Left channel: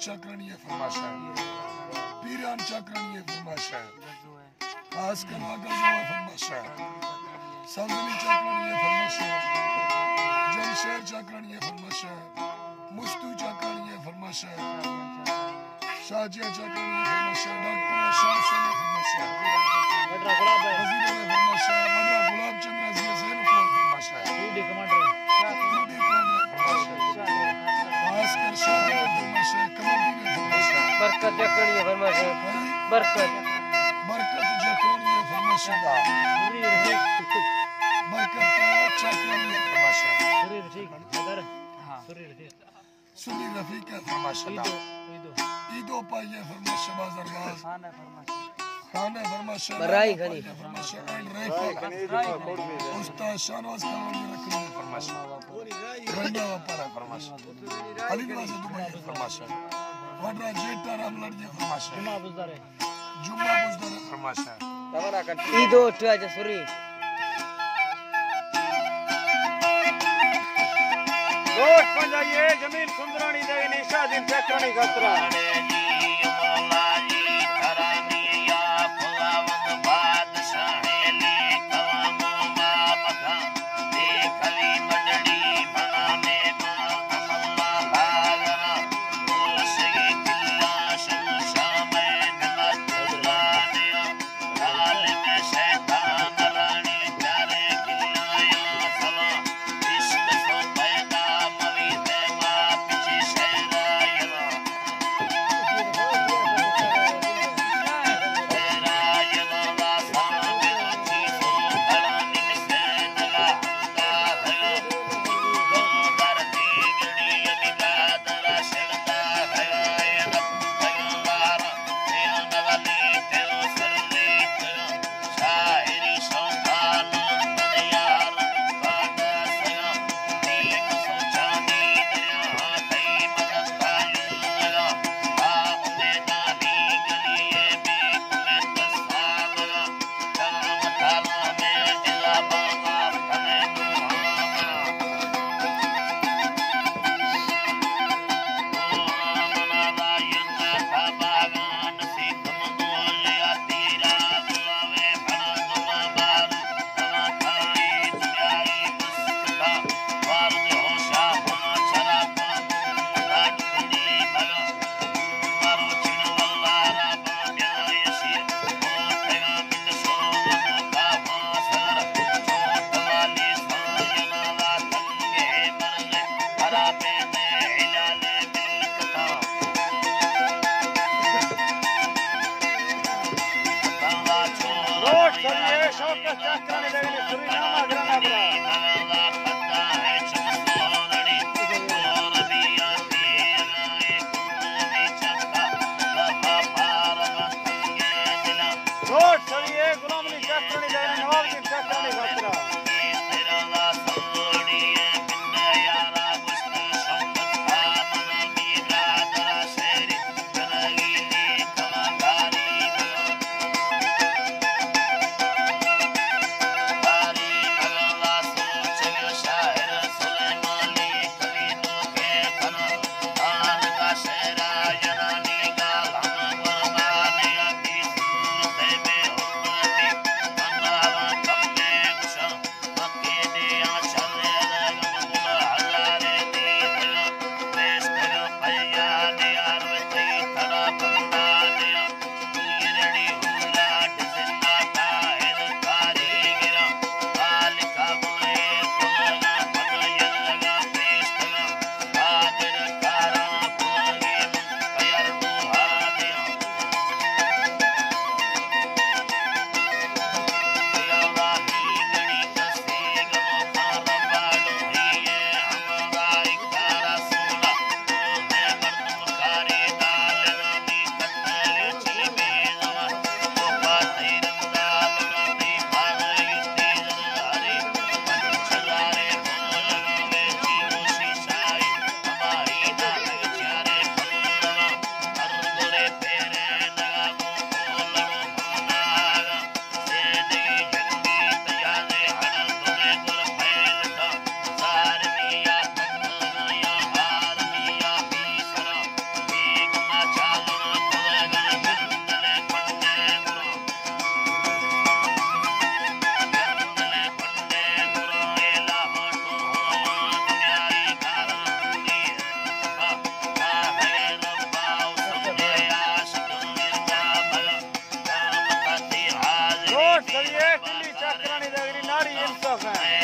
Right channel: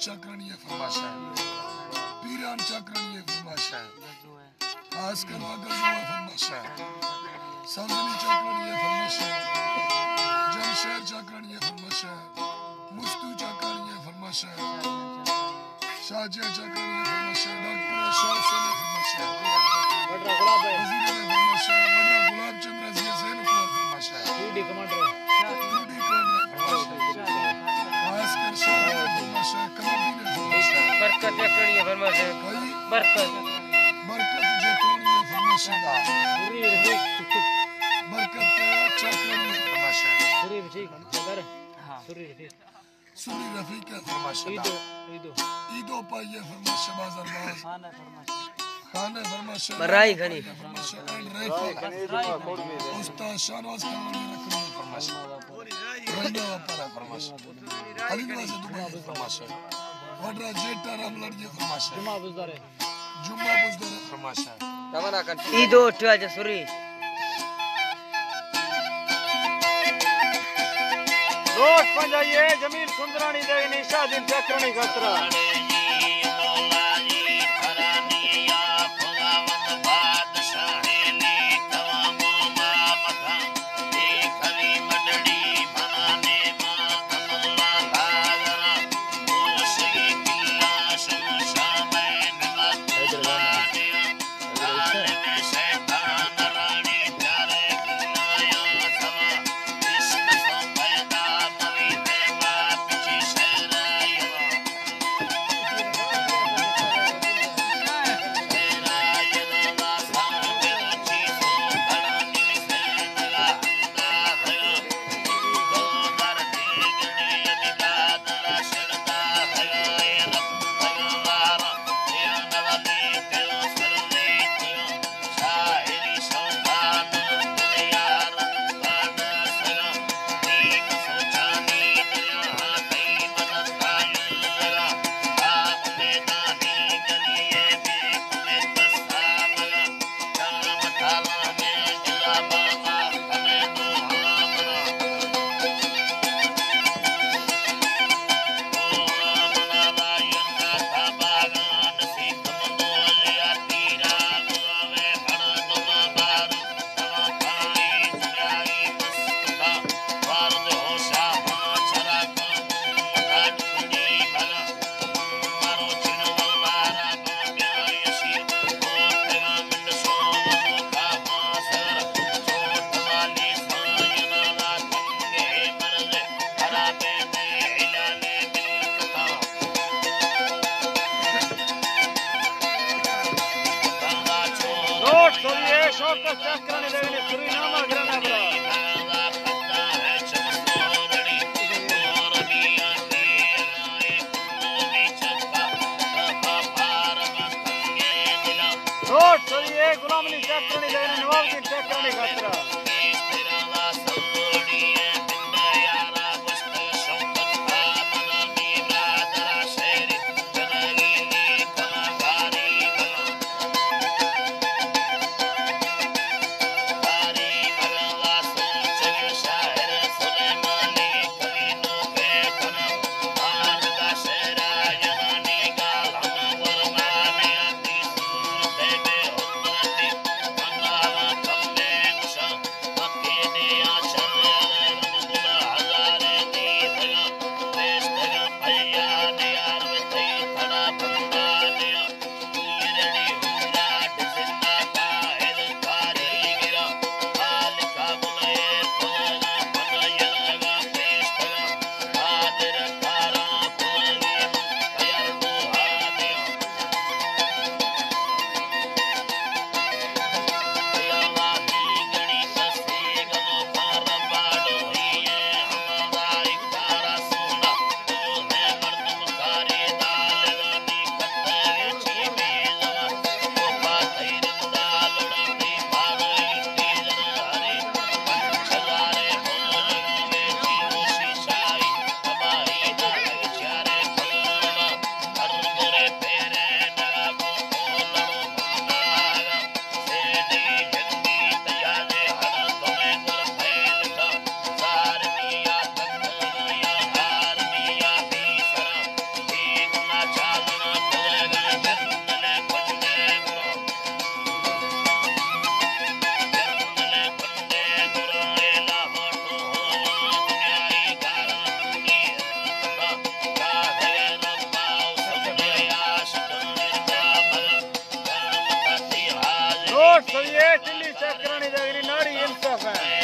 चक्रणीय फरमाश है, पीरान चक्रणीय फरमाश है, खास कर गजवा फरमाश है, संजनी चक्रणीय फरमाश है, जमशेद चक्रणीय फरमाश है, मुस्तू चक्रणीय फरमाश है, शाजिया चक्रणीय फरमाश है, डॉक्टर शाह से फरमाश है, वजीर ने फरमाश है, मदरा गुलाब चंद्र अजीज से फरमाश है, यूडी कमांडर फरमाश है, खास कर शाह ने फरमाश है, कमरदीन ने फरमाश है, बरकत चक्रणीय फरमाश है, बरकत चक्रणीय फरमाश है, बरकत चक्रणीय फरमाश है, सुनी रफीक है फरमाश है, ईदो पाइए फरमाश है, बाजार बाज खाना फरमाश है, बराई खनी फरमाश है, एंड राइफल उस्ताद शाहनवाज खानी रखनी फरमाश है, रंगा वापरा फरमाश है, अलीगढ़ से दुबई फरमाश है, वडरा जेटा रामलड़ ये फरमाश है, जुम्मा बुज़दार फरमाश है, ईदो उठा जसुरी रोज पंजाइए जमील सुंदरानी दे निशा दिन चक्रानी खतरा चक्रानी दगरी नाड़ी इंसाफ है